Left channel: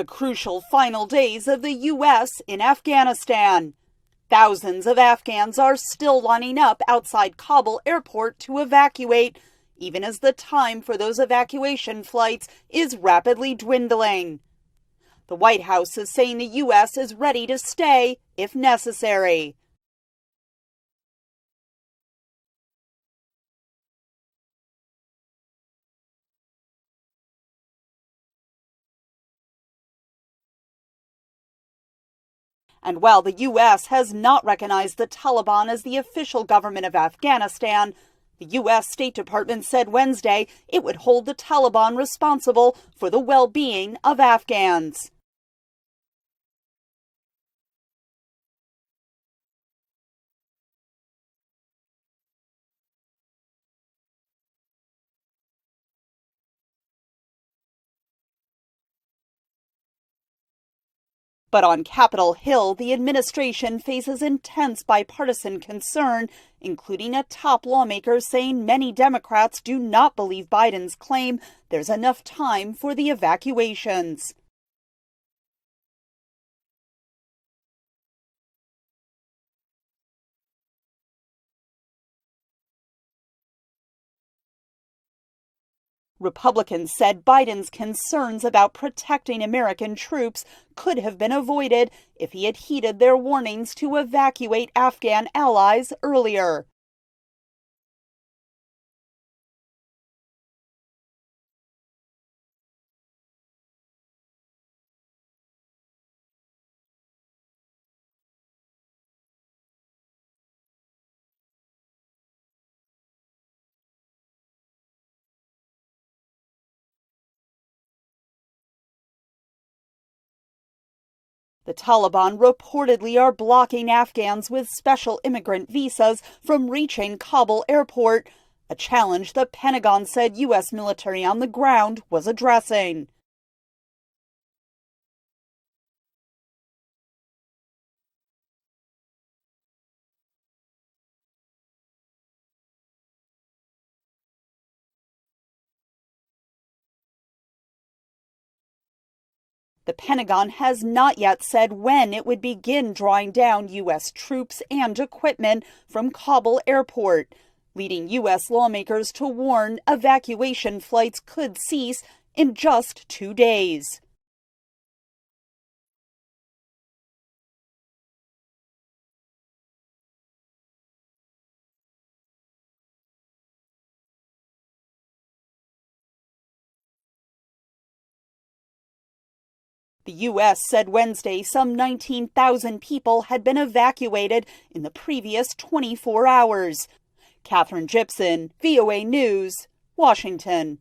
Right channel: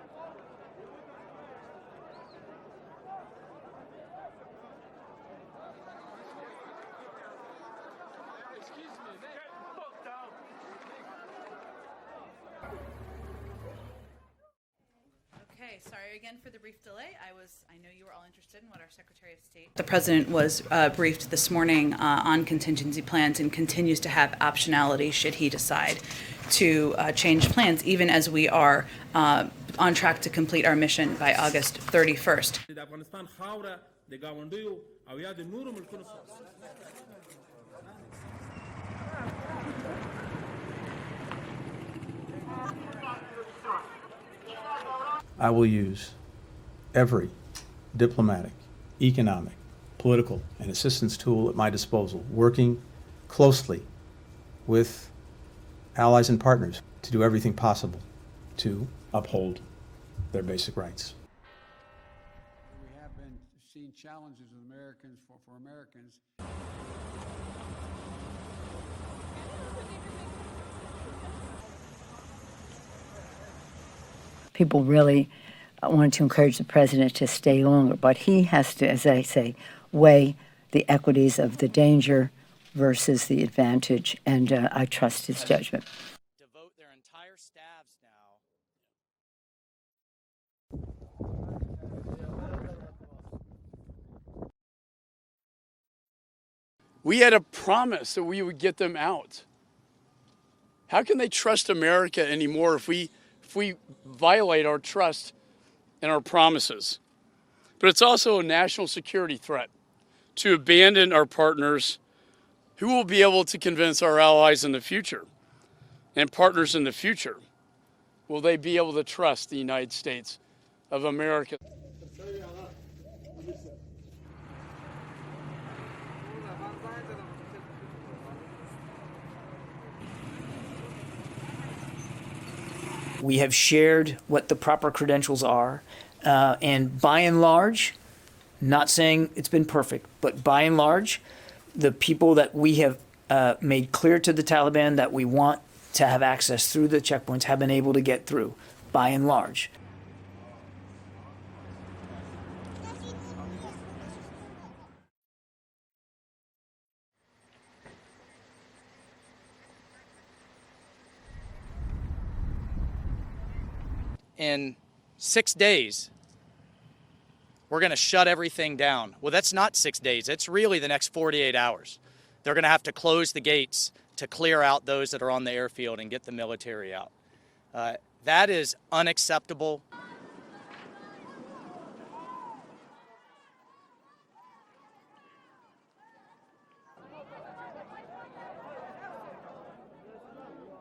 The crucial final days of the U.S. in Afghanistan. Thousands of Afghans are still lining up outside Kabul airport to evacuate, even as the time for those evacuation flights is rapidly dwindling. The White House is saying the U.S. is ready to stay if necessary. The president was briefed this morning on contingency plans and continues to have optionality should he decide to change plans, even as we are on track to complete our mission by August 31st. And while the U.S. has not recognized the Taliban as the official government of Afghanistan, the U.S. State Department said Wednesday it would hold the Taliban responsible for the well-being of Afghans. I will use every diplomatic, economic, political, and assistance tool at my disposal, working closely with allies and partners to do everything possible to uphold their basic rights. But on Capitol Hill, the administration faces intense bipartisan concern, including a top lawmaker saying many Democrats do not believe Biden's claim there's enough time for the evacuations. People really want to encourage the president to stay longer, but he has to, as I say, weigh the equities of the danger versus the advantage, and I trust his judgment. Republicans said Biden's concerns about protecting American troops could have been avoided if he had heeded their warnings to evacuate Afghan allies earlier. We had a promise that we would get them out. How can they trust America anymore if we violate our trust and our promises? But it's also a national security threat to abandon our partners. Who will be able to convince our allies in the future and partners in the future? Will they be able to trust the United States of America? The Taliban reportedly are blocking Afghans with special immigrant visas from reaching Kabul airport, a challenge the Pentagon said U.S. military on the ground was addressing. We have shared what the proper credentials are, and by and large, not saying it's been perfect, but by and large, the people that we have made clear to the Taliban that we want to have access through the checkpoints have been able to get through, by and large. The Pentagon has not yet said when it would begin drawing down U.S. troops and equipment from Kabul airport, leading U.S. lawmakers to warn evacuation flights could cease in just 2 days. In 6 days, we're going to shut everything down. Well, that's not 6 days. It's really the next 48 hours. They're going to have to close the gates to clear out those that are on the airfield and get the military out. That is unacceptable. The U.S. said Wednesday some 19,000 people had been evacuated in the previous 24 hours. Catherine Gibson, VOA News, Washington.